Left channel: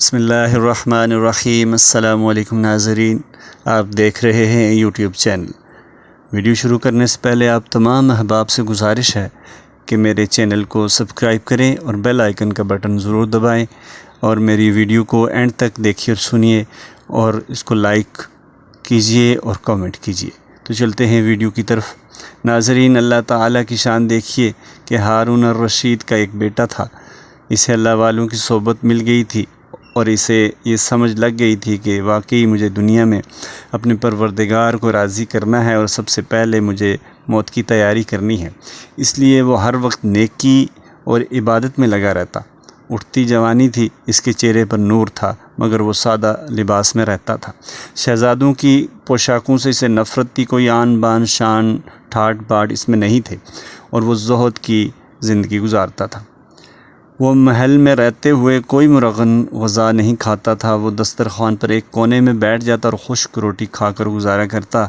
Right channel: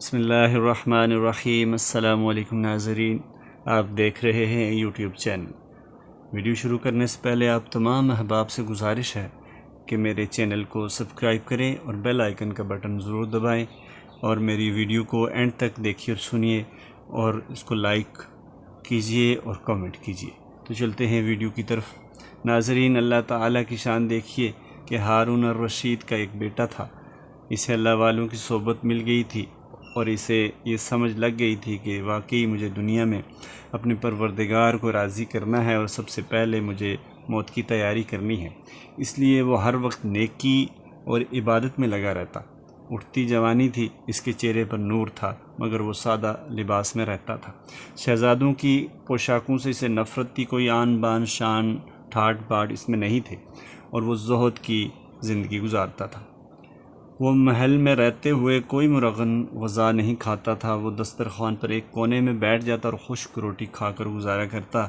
بسم اللہ الرحمن الرحیم۔ السلام علیکم ناظرین، آپ دیکھ رہے ہیں یوٹیوب چینل۔ ویڈیو شروع کرنے سے پہلے آپ تمام احباب سے گزارش ہے کہ میرے چینل کو سبسکرائب کریں اور بیل آئیکن کا بٹن ضرور دبائیں، اور میری ویڈیو کو اینڈ تک دیکھیے اور سنیے، اور اس کو لائک کیجئے اور کامنٹ کیجئے۔ تو چلتے ہیں ویڈیو کی طرف۔ ناظرین، اللہ تعالیٰ کی شان دیکھیے کہ ہارون الرشید کا ایک بیٹا تھا۔ اسے اللہ والوں کی صحبت مل گئی تھی اور اسے یہ سمجھ لگ گئی تھی کہ واقعی مجھے دنیا میں اپنے پروردگار کو راضی کرنا ہے اور سب سے پہلے مجھے موت کی تیاری کرنی ہے۔ اس لیے وہ ہر وقت نیکی اور عبادت میں لگا رہتا۔ اٹھتی جوانی تھی، اس کے چہرے پر نور تھا، مگر وہ سادہ لباس میں رہتا تھا۔ شہزادوں کی پوشاکوں سے اسے نفرت تھی، کوئی آن بان شان ٹھاٹ باٹ اس میں نہیں تھے، اور وہ زہد کی زندگی گزارتا تھا۔ وہ محل میں رہتے ہوئے کوئی مرغن غذا نہیں کھاتا تھا۔ وہ دسترخوان پر ایک کونے میں بیٹھ جاتا اور خشک روٹی کھا کر گزارا کرتا۔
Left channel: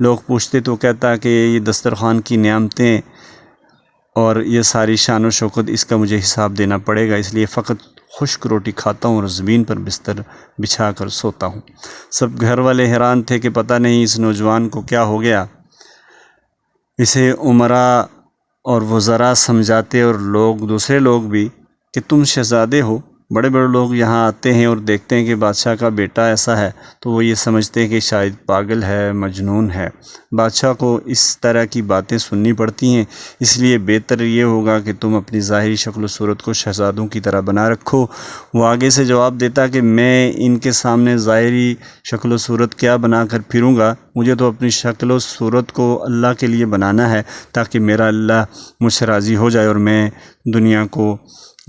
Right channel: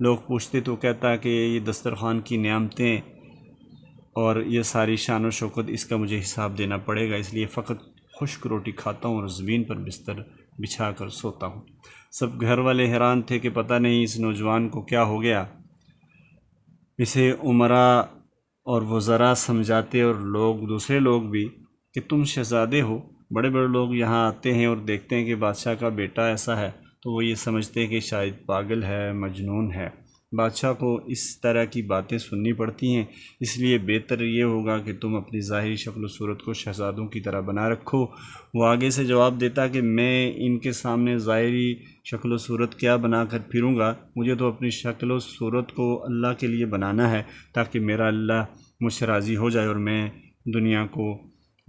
لوگ پوچھتے تو کہتا کہ یہ دسترخوان کی نعمتیں اور یہ ساری شان و شوکت، اس کا مجھے حساب دینا پڑے گا، اس لیے فقط خشک روٹی کھاتا ہوں اور زمین پر بستر بچھا کر سوتا ہوں۔ سب گھر والے حیران تھے کہ پتہ نہیں اس نوجوان کو کیا ہو گیا۔ اسے امراء اور وزراء سمجھاتے، اور دوسرے لوگ بھی، کہ تم شہزادے ہو۔ بڑے بڑے لوگ یہاں آتے ہیں اور دیکھتے ہیں کہ بادشاہ کا بیٹا ایسا ہے تو وہ یہ سمجھتے ہیں کہ شاید پاگل ہے، مجنون ہے۔ بادشاہ کو اس طرح کی باتیں سننی پڑتی ہیں، اس لیے بہتر یہ ہوگا کہ تم اپنی ظاہری شکل و صورت کو شہزادوں کی طرح بنا رکھو۔ وہ آگے سے جواب دیتا کہ میں ان کے سامنے ظاہری شکل و صورت کیا بنا کر پھروں گا، مجھے تو اپنی شکل و صورت کو اللہ کے لیے بنانا ہے، تاکہ میرا اللہ مجھ سے راضی ہو جائے، اور میں دنیا کو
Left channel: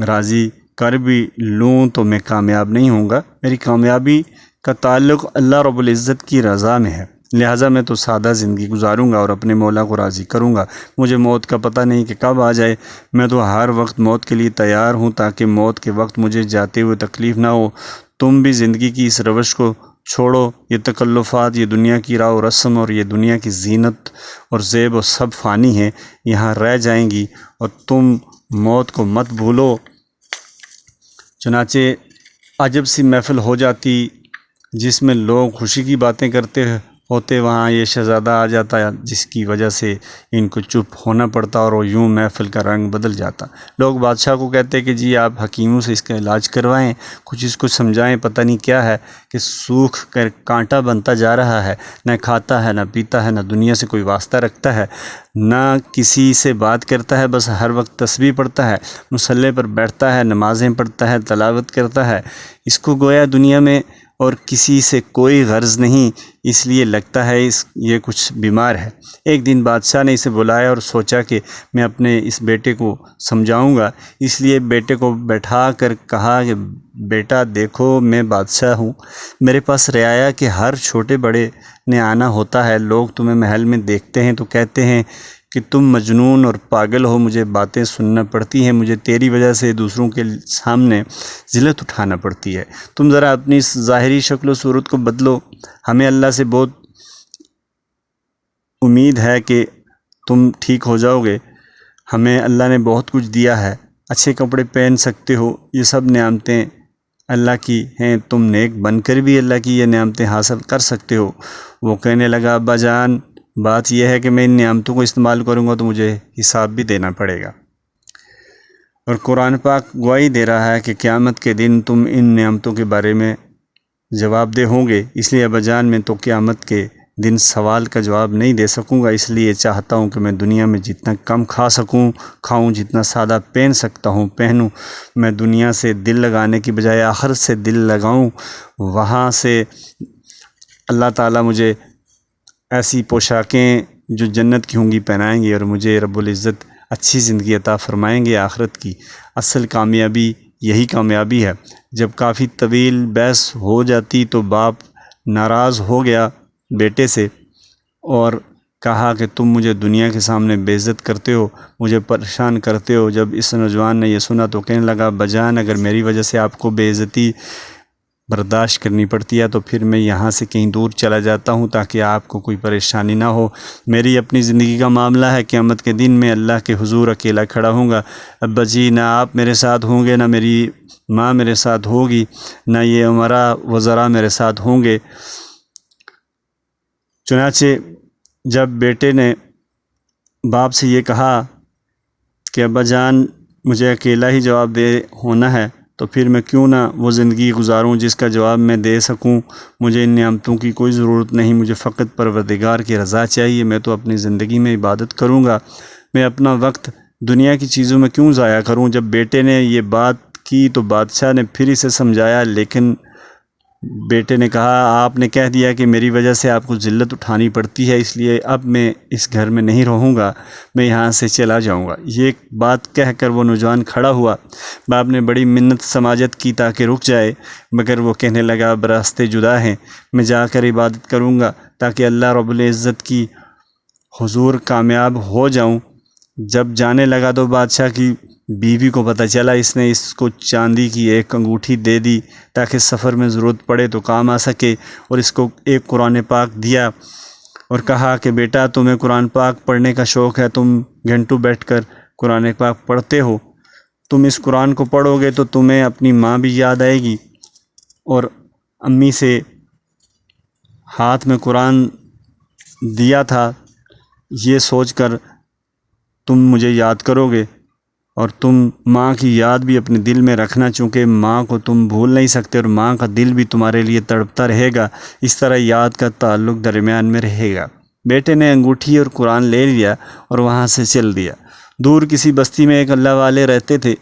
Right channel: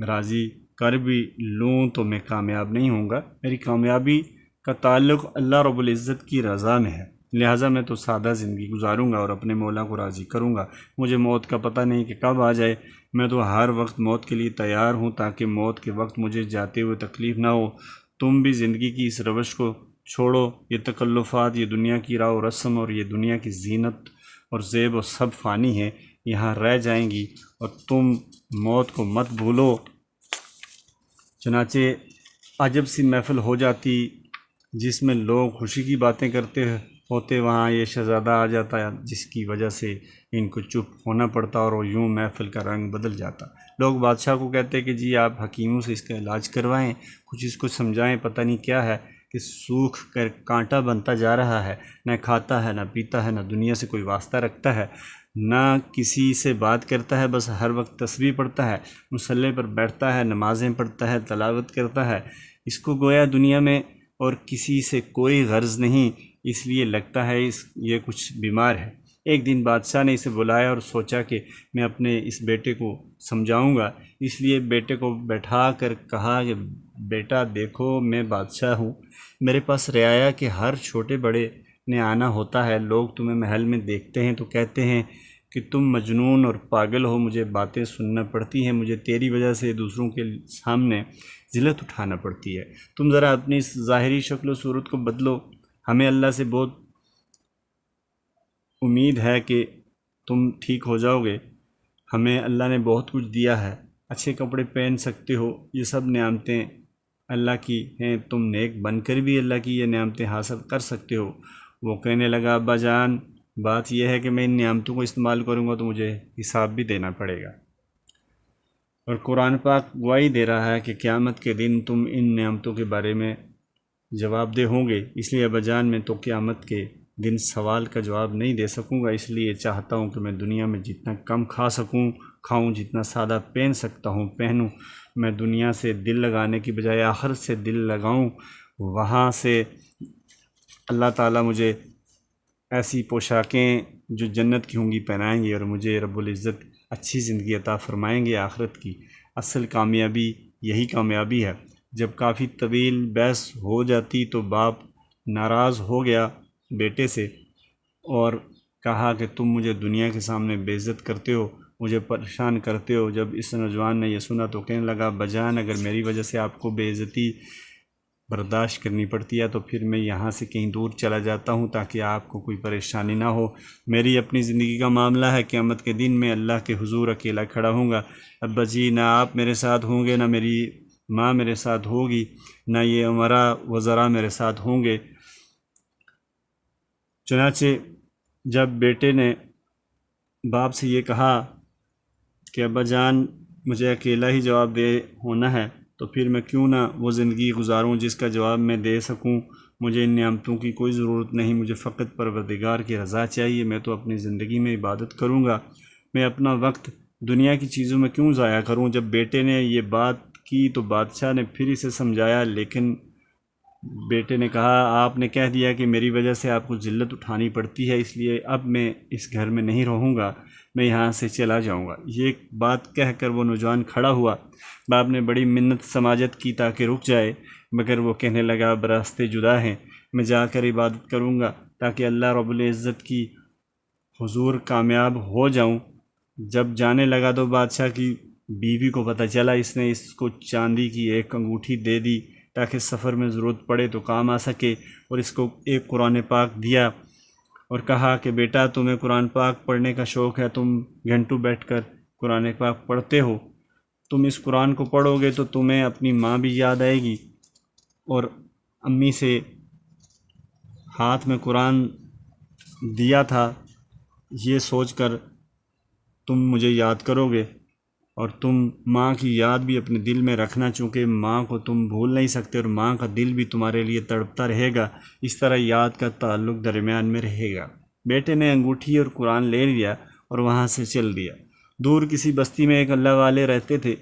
راضی کر بھی لوں تو میں کامیاب نہیں ہوں گا۔ میری کامیابی کا تعلق اللہ رب العزت کی رضا میں ہے، لہٰذا میں تو سادہ زندگی گزاروں گا اور اپنے مولا کو راضی کروں گا۔ مجھے موت کا پتہ نہیں کہ کب آ جائے، میں تو ہر وقت موت کے لیے تیار ہوں، تاکہ موت کے وقت مجھے جاتے ہوئے تکلیف نہ ہو۔ تم بھی زندگی کی اس روش کو چھوڑو، یہ تکلفات، یہ دنیا کی راہ و رسم اور یہ دنیا کی زینت اور زیب و سب فانی ہیں، یہاں رہ جائیں گی، اور تم موت کو مت بھولو۔ چنانچہ عجب سی محفل ہو جاتی جس میں لوگ خوشی کی باتیں کرتے ہوتے، وہاں یہ شہزادہ آ جاتا جس کی وجہ سے ان کو چپ ہونا پڑتا، اور وہ یوں محفل کا رنگ بدل جاتا۔ لوگ بادشاہ کو کہتے کہ جی آپ حکیموں سے اس کا علاج کروائیں، کچھ اس کو سمجھائیں، پتہ نہیں کیا ہے کہ سوکھ کر کانٹا بنتا جا رہا ہے، نہ کھاتا ہے، نہ پیتا ہے، نہ دنیا سے کوئی واسطہ رکھتا ہے، نہ کسی سے بات کرتا ہے، بس ہر وقت تسبیح پڑھتا ہے، مصلی پر بیٹھتا ہے، نمازیں پڑھتا ہے، تلاوت کرتا ہے۔ اس کو گویا دنیا میں اور کسی سے کوئی غرض نہیں، اس لیے لگتا ہے یہ کچھ بیمار ہے۔ ایک دن بادشاہ نے اسے بلایا اور سوچا کہ میں اپنے اس بیٹے کو سمجھاؤں گا، اس لیے بیٹے کو بیٹھا کر کہا کہ بیٹا دیکھو، میں بادشاہ ہوں، میرے پاس رعایا کے ہر چھوٹے بڑے نے آنا ہوتا ہے، لوگ تمہیں محل میں دیکھتے ہیں تو کہتے ہیں کہ تم مجنون اور پاگل ہو، مجھے باتیں سننا پڑتی ہیں، مجھے تیری وجہ سے دوسروں کے سامنے ذلت اٹھانا پڑتی ہے۔ تم ذرا اپنی اس ظاہری شکل و صورت کو بدلو، ہمیں اللہ سے بہت امید ہے کہ تم ٹھیک ہو جاؤ گے، ہمیں اللہ نے بہت کچھ دیا ہے، اچھے کپڑے پہن سکتے ہو، یہ سب نعمتیں اللہ کی ہیں، تم نیک بن کر بھی اللہ کی یہ نعمتیں حاصل کر سکتے ہو۔ وہ کہنے لگا ابا جان، بات یہ ہے کہ میں ان نعمتوں کو استعمال کروں گا تو مجھے حساب بھی دینا پڑے گا، اور قرآن پاک گواہی دے رہا ہے کہ قیامت کے دن تم ان نعمتوں کے بارے میں جواب دہ ہوں گے، اس لیے ابا جان میں تو قیامت کے دن سوال کا جواب نہیں دے سکوں گا، اس لیے چاہتا ہوں کہ میں دنیا میں جتنا کم کھا سکوں کھاؤں، جتنا سادہ پہن سکتا ہوں پہنوں، میں دنیا سے دل لگانے کی بجائے آخرت سے دل لگاؤں، وہاں سے اللہ تعالیٰ مجھے ایسی پوشاکیں جو جنت کی ہوں گی پہنائیں گے، اور مجھے رب العزت اچھی زندگی عطا فرمائیں گے۔ آخرت کی اصل کامیابی یہی کامیابی ہے۔ جب کافی طویل بحث ہو جاتی تو باپ ناراض ہو گیا بیٹے سے اور کہا کہ تم مجھے دنیا کے سامنے بے عزت کرتے ہو، مجھے پریشان کرتے ہو۔ جب اس نوجوان نے یہ سنا تو کہنے لگا بجان، اگر میری وجہ سے آپ کو بے عزتی برداشت کرنی پڑتی ہے تو پھر میں یہاں سے کہیں دور چلا جاتا ہوں تاکہ آپ کو کوئی پریشانی نہ ہو۔ میری اپنی زندگی کا معاملہ ہے، قیامت کے دن میں اللہ کے حضور اکیلا کھڑا ہوں گا۔ ابا جی نہ آپ میرے ساتھ ہوں گے، نہ میری ماں میرے ساتھ ہوگی، نہ یہ امراء وزراء میرے ساتھ ہوں گے۔ چنانچہ جب بیٹے نے باپ سے یہ کہا کہ ابا جان مجھے اکیلا ہی جواب دے ہونا ہے، تو پھر میں کیوں نہ وہ زندگی گزاروں جس کا جواب میں دے سکوں۔ مجھے ان نعمتوں کی کوئی ضرورت نہیں، مجھے فقط پروردگار کی رضا چاہیے۔ میں تو اپنی زندگی میں عبادت کروں گا، میں اپنا وقت دنیا کی چیزوں میں کیوں ضائع کروں۔ جب بیٹے نے یہ بات کی تو بادشاہ نے پھر اسے سمجھایا، لیکن بیٹے نے کہا آپ نے کہہ دیا کہ میری وجہ سے آپ کو ذلت اٹھانی پڑتی ہے، اس لیے اب میں اس گھر میں نہیں رہوں گا، میں یہاں سے چلا جاؤں گا۔ یہ بات کہہ کر وہ نوجوان کھڑا ہوا۔ باپ نے بڑی منت سماجت کی تاکہ رک جائے، مگر وہ کہنے لگا اب راستے جدا ہیں، میں جا کر عبادت کروں گا تاکہ اللہ رب العزت کی حضور کامیاب ہو جاؤں۔ جب جانے لگا تو بادشاہ کی بیوی کو پتہ چلا، اس نے اس کو چاندی کی ایک انگوٹھی دے دی تاکہ سفر میں ضرورت پڑے تو کام آ سکے، اور اس کو ایک قرآن پاک دیا اور کہا کہ بیٹا تمہیں قرآن پاک پڑھنے کا شوق ہے، تم گھنٹوں بیٹھ کر قرآن پاک پڑھتے ہو، تم اس قرآن کو پڑھو گے تو تمہیں اپنی ماں بھی یاد آئے گی، اور امی سے ہاتھ میں قرآن دیا تھا یہ سوچ کر تم مجھے یاد کرو گے، اور تم ماں کی یاد بھی اپنے دل میں رکھنا، چونکہ ماں کو تم بھول نہیں سکتے اور ماں کا دل بھی تمہارے لیے تڑپتا رہے گا، اس طرح یاد کا تعلق درمیان میں رہے گا۔ بیٹے نے انگوٹھی اور قرآن لے لیا اور وہاں سے چل دیا۔ دور کسی بستی میں ایک اللہ والے رہتے تھے،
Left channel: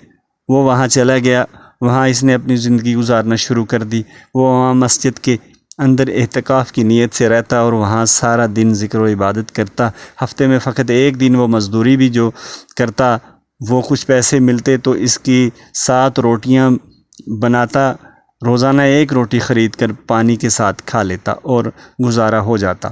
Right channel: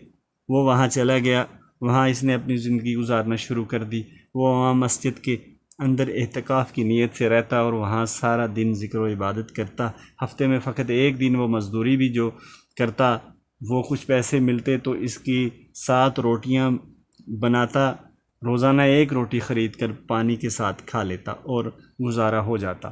وہ وہاں چلا گیا، وہاں اس نے اپنی زندگی گزارنا شروع کر دی۔ وہ وہاں مسجد کے اندر اعتکاف کی نیت سے رہتا اور وہاں سارا دن ذکر و عبادت کرتا۔ ہفتے میں فقط ایک دن وہ مزدوری بھی جو کرتا، وہ کچھ پیسے ملتے تو اس کی 7 روٹیاں بناتا، روزانہ ایک روٹی خرید کر پانی کے ساتھ کھا لیتا اور گزارا ہو جاتا۔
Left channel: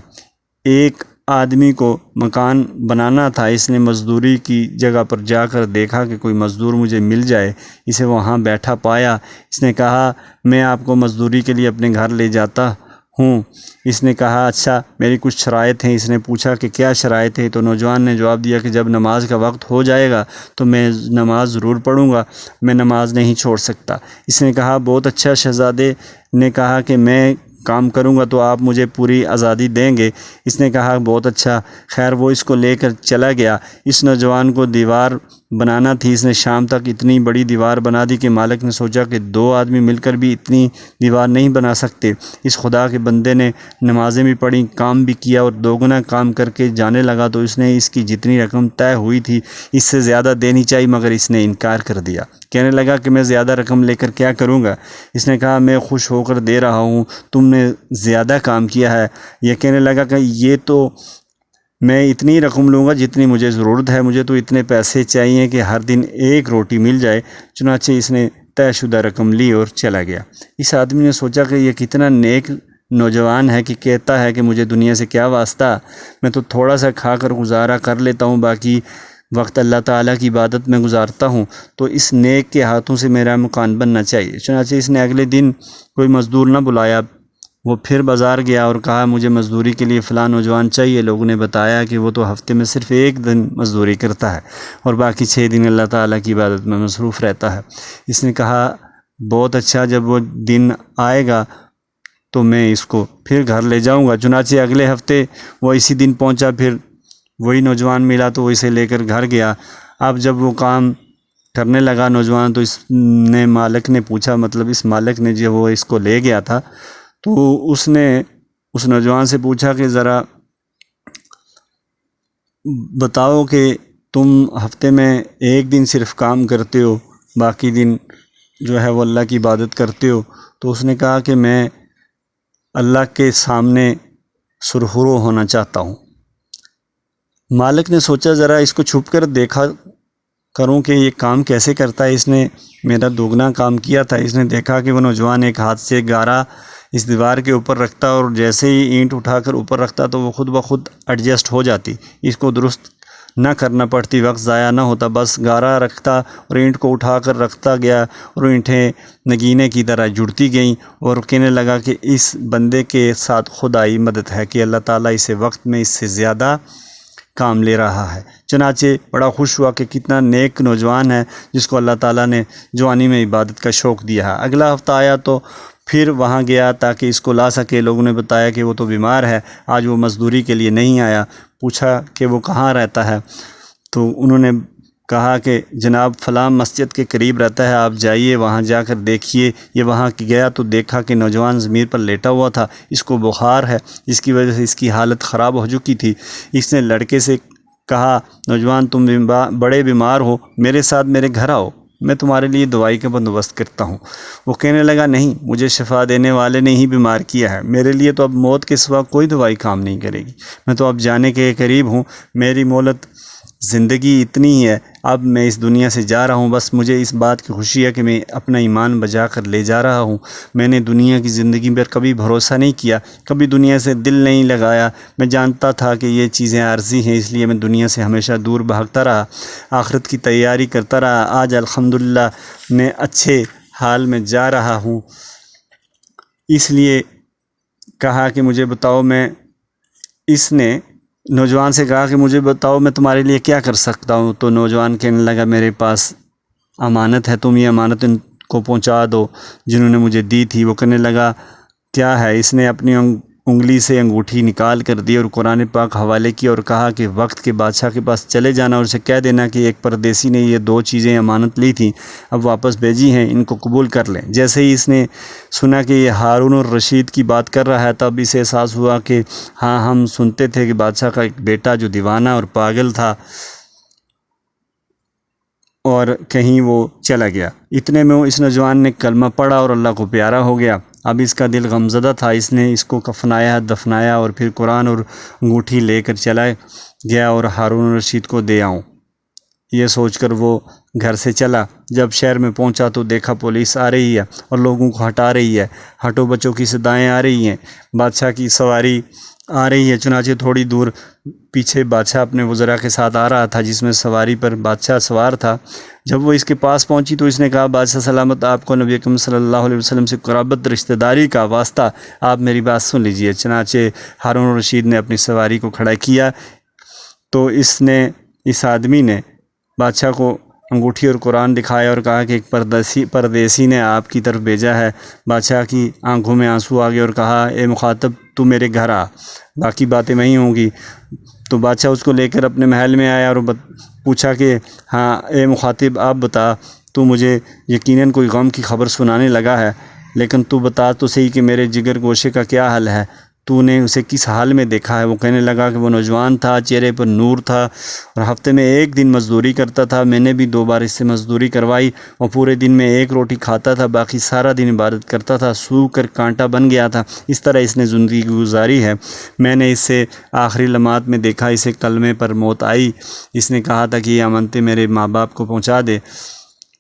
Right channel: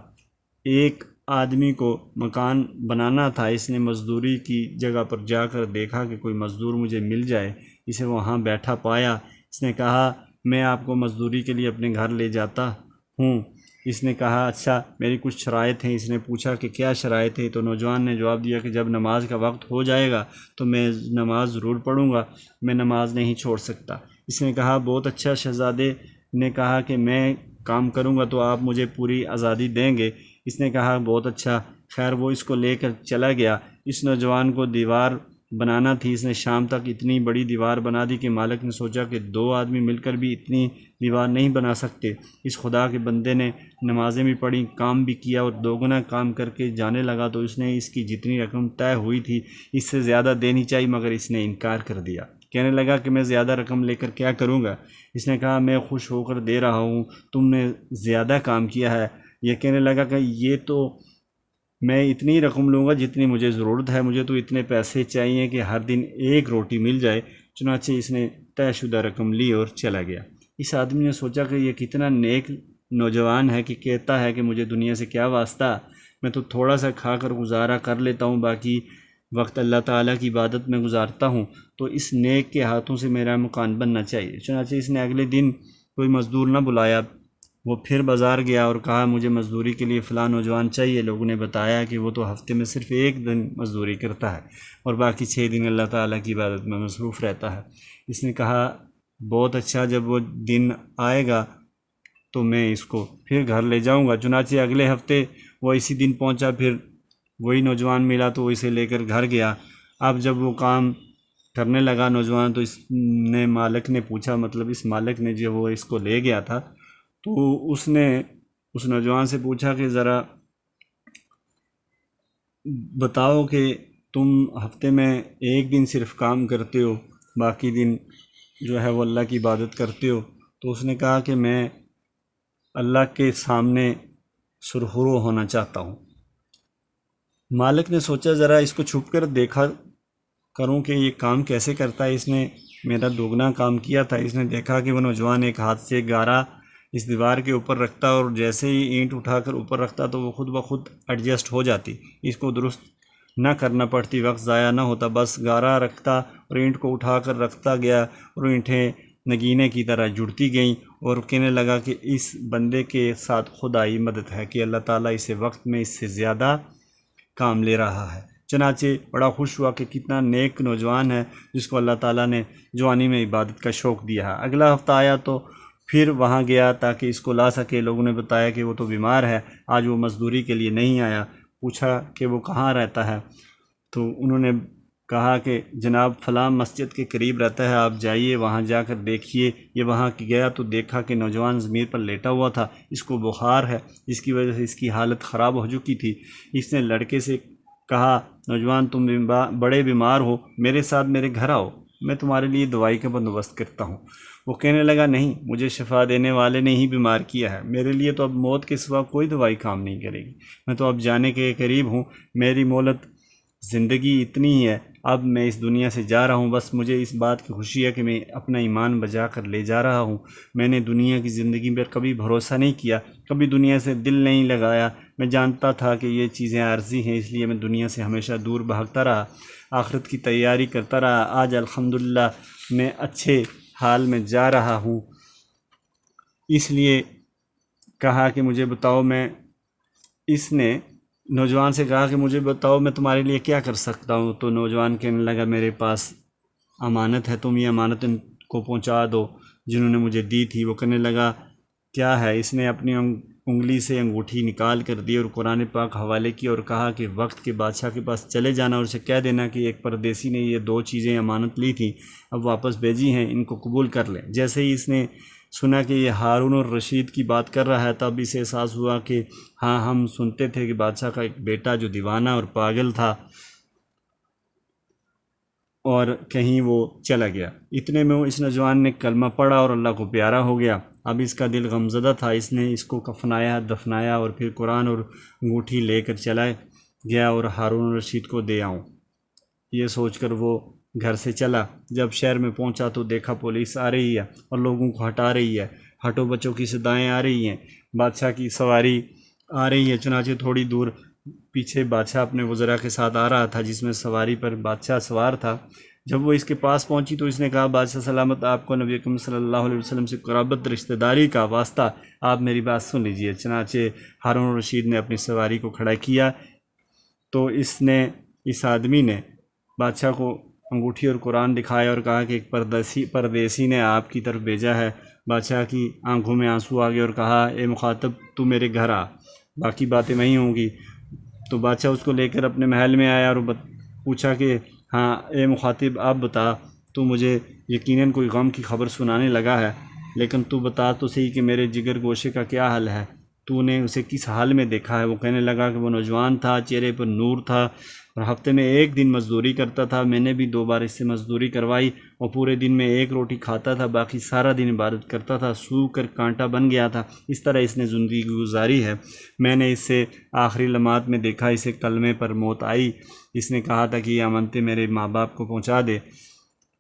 ایک آدمی کو مکان بنانا تھا، اس نے مزدوری کی جگہ پر جا کر دیکھا کہ کوئی مزدور مجھے مل جائے، اسے وہاں بیٹھا پایا۔ اس نے کہا میں آپ کو مزدوری کے لیے اپنے گھر لے جاتا ہوں۔ اس نے کہا اچھا میری کچھ شرائط ہیں۔ اس نے پوچھا کہ کیا شرائط ہے؟ تو نوجوان نے جواب دیا کہ جب نماز کا وقت ہو جائے گا تو میں نماز ضرور پڑھوں گا، میں نماز نہیں چھوڑ سکتا۔ اس نے کہا بہت اچھا۔ شہزادے نے کہا کہ میں کام کروں گا تو آپ مجھے پوری آزادی دیں گے؟ اس نے کہا بہت اچھا۔ خیر وہ اس کو لے کر چلا گیا۔ اس نوجوان کو دیوار بنانا تھی، اس نے شام تک اتنی بڑی دیوار بنا دی کہ مالک نے سوچا کہ 2 آدمی مل کر بھی اتنی دیوار نہیں بنا سکتے۔ اس خدا کے بندے نے نمازیں بھی پڑھیں، کام بھی کیا اور 2 گنا کام کر کے جانے لگا تو اس نے اس کی جتنی رقم طے ہوئی تھی اس سے زیادہ دینی چاہیے، مگر اس نے انکار کر دیا۔ کہنے لگا کہ میں زیادہ رقم لے کر کیا کروں گا؟ اس نے کہا میں خوش ہو کر دے رہا ہوں، تم نے زیادہ کام کیا ہے۔ یہ کہنے لگا کہ یہ تو میں اتنی رقم لوں گا جتنی مجھے ضرورت ہے، مجھے تو اتنے پیسے چاہیے کہ ہر دن ایک روٹی مل جائے۔ چنانچہ اس نے طے شدہ رقم لی اور چلا گیا۔ اس آدمی نے سوچا کہ یہ کتنا نیک نوجوان ہے کہ کہتا ہے کہ مجھے دنیا سے کیا واسطہ، میں تو تھوڑا سا کھا کر گزارا کر لیتا ہوں، باقی وقت اللہ تعالیٰ کی عبادت میں گزارتا ہوں، تو اس نیک کے ہاتھوں سے میرا مکان بننا چاہیے۔ چنانچہ اس نے اگلے دن کوئی مزدور نہ بلایا، وہ پھر بازار گیا اور کہا مجھے مزدوری کے لیے فلاں نوجوان چاہیے۔ لوگوں نے بتایا کہ وہ تو ہفتے میں صرف ایک دن مزدوری کرتا ہے اور باقی 6 دن اللہ تعالیٰ کی عبادت میں مصروف رہتا ہے۔ اس نے کہا بہت اچھا، جب وہ دن آئے گا تو میں اس کو پھر گھر لے جاؤں گا۔ چنانچہ اگلے ہفتے وہ اسی دن پہنچا، پھر وہی نوجوان ملا تو وہ اسے لے کر گھر گیا۔ اب جب وہ کام کرنے لگا نوجوان تو اس نے مالک نے پوچھا، مطلب اس مالک نے جب وہ اس کو لے گیا تھا تو اس نے اس نوجوان سے پوچھا کہ ذرا بتاؤ کہ تم ہفتے میں ایک دن صرف کام کرتے ہو، باقی دن جو ہے وہ اللہ کی عبادت کرتے ہو؟ تو اس نے کہا کہ میں اللہ کے سامنے سرخرو ہونا چاہتا ہوں۔ مالک نے سوچا ذرا اس کو چھپ کر دیکھا کروں کہ یہ کام کیسے کرتا ہے، اس نے میرا 2 گنا کام کیا تھا۔ اس نے دیکھا کہ وہ نوجوان ایک ہاتھ سے گارا اس دیوار کے اوپر رکھتا اور جیسے ہی اینٹ اٹھا کر اوپر رکھتا تو وہ خود بخود ایڈجسٹ ہو جاتی۔ اس کو درست نہ کرنا پڑتی، وقت ضائع نہ ہوتا، بس گارا رکھتا اور اینٹ کو اٹھا کر رکھتا گیا اور اینٹیں نگینے کی طرح جڑتی گئیں، اور کہنے لگا کہ اس بندے کے ساتھ خدائی مدد ہے کہ اللہ تعالیٰ اسے وقت میں اس سے زیادہ کام لے رہا ہے۔ چنانچہ بڑا خوش ہوا کہ کتنا نیک نوجوان ہے جس کو اللہ تعالیٰ نے جوانی میں عبادت کا شوق دیا ہے۔ اگلا ہفتہ آیا تو پھر وہاں گیا تاکہ اس کو لا سکے۔ لوگوں نے بتایا کہ وہ تو بیمار ہے، آج وہ مزدوری کے لیے نہیں آیا۔ پوچھا کہ وہ کہاں رہتا ہے، تو انہوں نے کہا کہ جناب فلاں مسجد کے قریب رہتا ہے، آپ جائیے وہاں جا کر دیکھیے۔ یہ وہاں گیا تو دیکھا کہ نوجوان ضمیر پر لیٹا ہوا تھا، اس کو بخار ہے جس کی وجہ سے اس کی حالت خراب ہو چکی تھی۔ اس نے لڑکے سے کہا، نوجوان تم بڑے بیمار ہو، میرے ساتھ میرے گھر آؤ، میں تمہارے لیے دوائی کا بندوبست کرتا ہوں۔ وہ کہنے لگا، نہیں، مجھے شفا دینے والے نے ہی بیمار کیا ہے، میرے لیے تو اب موت کے سوا کوئی دوائی کام نہیں کرے گی، میں تو اب جانے کے قریب ہوں، میری مہلت زندگی اتنی ہی ہے، اب میں اس دنیا سے جا رہا ہوں، بس مجھے اس بات کی خوشی ہے کہ میں اپنا ایمان بچا کر لے جا رہا ہوں۔ میں نے دنیا کی زندگی پر کبھی بھروسہ نہیں کیا، کبھی دنیا سے دل نہیں لگایا، میں جانتا تھا کہ یہ چیزیں عارضی ہیں، اس لیے میں دنیا سے ہمیشہ دور بھاگتا رہا، آخرت کی تیاری کرتا رہا۔ آج الحمدللہ میں اچھے حال میں جا رہا ہوں۔ اس لیے کہا کہ مجھے بتاؤ، اس نے نوجوان سے کہا کہ مجھے بتاؤ میں تمہارے لیے کیا کر سکتا ہوں۔ تو نوجوان کہنے لگا، میرے پاس امانت ہے، تم یہ امانت ان کو پہنچا دو جنہوں نے مجھے دی تھی۔ وہ کہنے لگا، کیا ہے؟ اس نے اپنی انگلی سے انگوٹھی نکال کر دی اور قرآن پاک حوالے کی اور کہا کہ وقت کے بادشاہ کے پاس چلے جانا اور اسے کہہ دینا کہ ایک پردیسی نے یہ 2 چیزیں امانت لی تھیں، اب واپس بھیجی ہیں، ان کو قبول کر لیں۔ جیسے ہی اس نے سنا کہ یہ ہارون الرشید کی بات کر رہا ہے، تب اسے احساس ہوا کہ ہاں، ہم سنتے تھے کہ بادشاہ کا ایک بیٹا جو دیوانہ اور پاگل تھا اور کہیں وہ چلا گیا۔ اتنے میں اس نوجوان نے کلمہ پڑھا اور اللہ کو پیارا ہو گیا۔ اب اس کا دل غمزدہ تھا، اس نے اس کو کفنایا، دفنایا اور پھر قرآن اور انگوٹھی لے کر چلا گیا اور ہارون الرشید کو دے آؤں، یہ سوچ کر وہ گھر سے چلا۔ جب شہر میں پہنچا تو دیکھا پولیس آ رہی ہے اور لوگوں کو ہٹا رہی ہے، ہٹو بچوں کی صدائیں آ رہی ہیں، بادشاہ کی سواری آ رہی ہے۔ چنانچہ تھوڑی دور پیچھے بادشاہ اپنے وزراء کے ساتھ آ رہا تھا، جس میں سواری پر بادشاہ سوار تھا۔ جب وہ اس کے پاس پہنچی تو اس نے کہا، بادشاہ سلامت، آپ کو نبی اکرم صلی اللہ علیہ وسلم سے قرابت رشتہ داری کا واسطہ، آپ میری بات سن لیجئے۔ چنانچہ ہارون الرشید نے اپنی سواری کو کھڑا کیا تو اس آدمی نے بادشاہ کو انگوٹھی اور قرآن دکھایا اور کہا کہ ایک پردیسی نے آپ کی طرف بھیجا ہے۔ بادشاہ کی آنکھوں میں آنسو آ گئے اور کہا، اے مخاطب، تو میرے گھر آ، باقی باتیں وہیں ہوں گی۔ تو بادشاہ اس کو لے کر اپنے محل میں آیا اور پوچھا کہ ہاں اے مخاطب، آپ بتا، تو مجھے یقیناً کوئی غم کی خبر سنانے لگا ہے، لیکن تو بتا تو صحیح کہ میرے جگر گوشے کا کیا حال ہے، تو نے اسے کس حال میں دیکھا ہے؟ وہ کہنے لگا کہ وہ نوجوان تھا، چہرے پر نور تھا اور ہفتے میں 1 دن مزدوری کرتا تھا، میں نے بھی 2 بار اس سے مزدوری کروائی، اور پورے دن میں 1 روٹی کھاتا تھا، باقی سارا دن عبادت کرتا تھا، سو کر کانٹا بن گیا تھا، اس طرح اس نے زندگی گزاری ہے۔ میں نے اسے آخری لمحات میں دیکھا، اسے کلمے پر موت آئی، اس نے کہا تھا کہ یہ امانتیں میرے ماں باپ کو پہنچا دے۔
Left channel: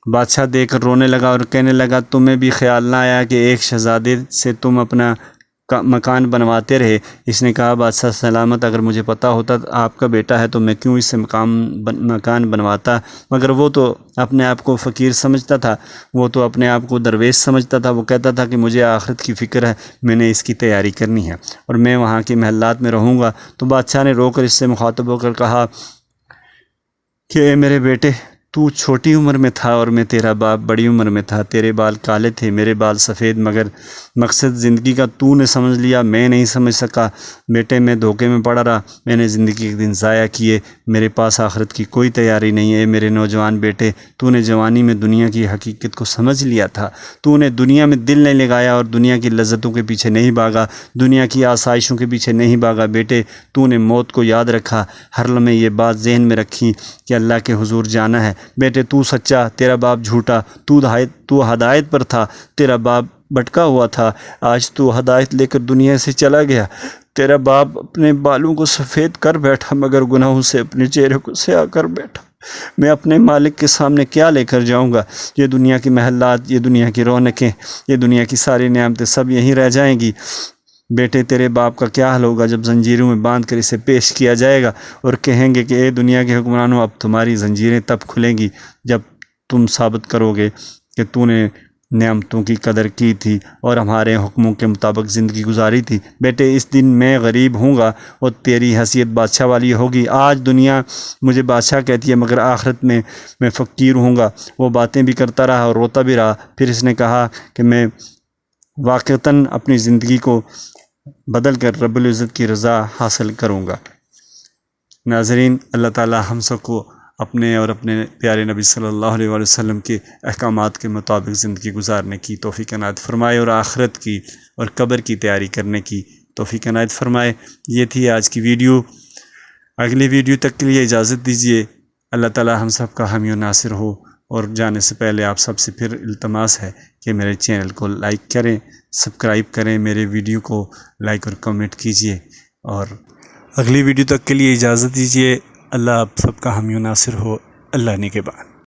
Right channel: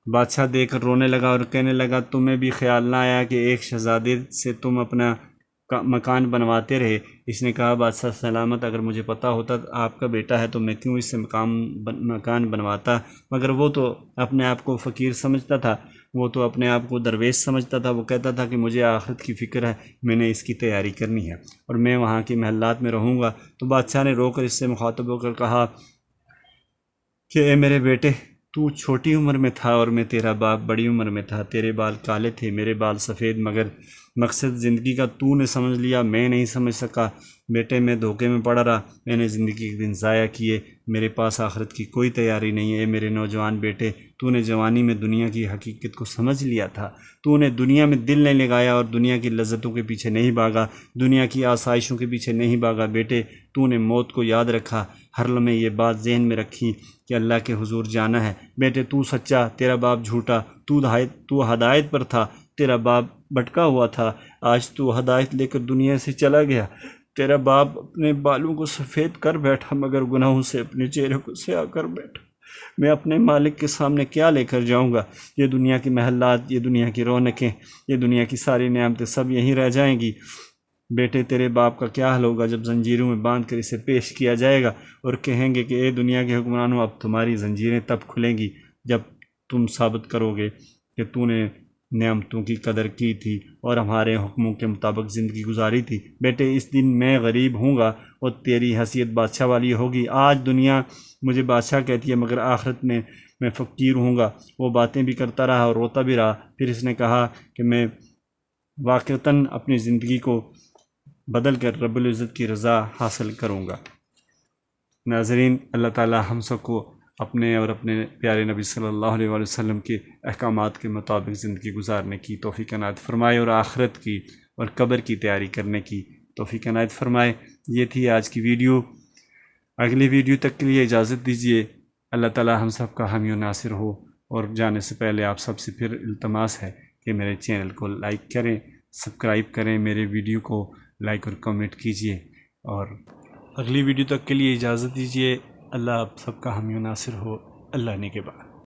بادشاہ دیکھ کر رونے لگا اور کہنے لگا، تمہیں بھی خیال نہ آیا کہ ایک شہزادے سے تم اپنا مکان بنواتے رہے؟ اس نے کہا، بادشاہ سلامت، اگر مجھے پتہ ہوتا آپ کا بیٹا ہے تو میں کیوں اس سے مکان بنواتا، مگر وہ تو اپنے آپ کو فقیر سمجھتا تھا، وہ تو اپنے آپ کو درویش سمجھتا تھا، وہ کہتا تھا کہ مجھے آخرت کی فکر ہے، میں نے اس کی تیاری کرنی ہے اور میں وہاں کے محلات میں رہوں گا۔ تو بادشاہ نے رو کر اس سے مخاطب ہو کر کہا کہ اے میرے بیٹے، تو چھوٹی عمر میں تھا اور میں تیرا باپ بڑی عمر میں تھا، تیرے بال کالے تھے، میرے بال سفید، مگر مقصد زندگی کا تو نے سمجھ لیا، میں نہیں سمجھ سکا۔ بیٹے، میں دھوکے میں پڑا رہا، میں نے زندگی کے دن ضائع کیے، میرے پاس آخرت کی کوئی تیاری نہیں ہے۔ میرے نوجوان بیٹے، تو نے جوانی میں دنیا کی حقیقت کو سمجھ لیا تھا، تو نے دنیا میں دل نہیں لگایا اور دنیا کی لذتوں کے پیچھے نہیں بھاگا، دنیا کی آسائشوں کے پیچھے نہیں بھاگا۔ بیٹے، تو نے موت کو یاد رکھا، ہر لمحے یہ بات ذہن میں رکھی کہ اللہ کے حضور جانا ہے۔ بیٹے، تو سچا، تیرا باپ جھوٹا، تو ہدایت پر تھا، تیرا باپ بھٹکا ہوا تھا، آج تو ہدایت لے کر دنیا سے چلا گیا۔ تیرا باپ اپنے بالوں کو سفید کر بیٹھا، مگر گناہوں سے اپنے چہرے کو سیاہ کر بیٹھا۔ میں اپنے مالک کے سامنے کیا لے کر جاؤں گا؟ یہ دنیا کی محلات، یہ دنیا کی رونقیں، یہ دنیا کی ساری نعمتیں سب یہیں رہ جائیں گی۔ بیٹے تیرے باپ کا کیا حال ہوگا جب زنجیروں میں باندھ کر اسے پیش کیا جائے گا اور کہیں گے کہ اے دنیا کے حکمرانوں، اب تمہاری زنجیریں تب کھلیں گی جب تم ثابت کرو گے کہ تو نے نعمتوں کی قدر کی تھی اور ہمارے حکموں کے مطابق زندگی گزاری تھی۔ بیٹے اس دن میں غریب ہوں گا اور تیری حیثیت بادشاہ والی ہوگی۔ آج دنیا مجھے بادشاہ کہتی ہے مگر آخرت میں فقیر ہوں گا۔ وہ باتیں بھی کرتا رہا اور روتا بھی رہا۔ پھر اس نے کہا کہ میں واقعتاً اپنی زندگی کو بدل کر رب العزت کی رضا حاصل کروں گا۔ ناظرین، اللہ تعالی ہم سب کو اپنے اور اپنے پیارے نبی صلی اللہ علیہ وآلہ وسلم کے احکامات کے مطابق زندگی گزارنے کی توفیق عنایت فرمائے اور آخرت کی اور قبر کی تیاری کرنے کی توفیق عنایت فرمائے۔ یہ تھی آج کی ویڈیو۔ اگلی ویڈیو تک کے لیے اجازت دیجیے۔ اللہ تعالی ہم سب کا حامی و ناصر ہو، اور جانے سے پہلے آپ سب سے پھر التماس ہے کہ میرے چینل کو لائک کریں، سبسکرائب کریں، میرے ویڈیو کو لائک اور کمنٹ کیجیے، اور اگلی ویڈیو تک کے لیے اجازت دیجیے۔ اللہ آپ سب کا حامی و ناصر ہو۔ اللہ نگہبان۔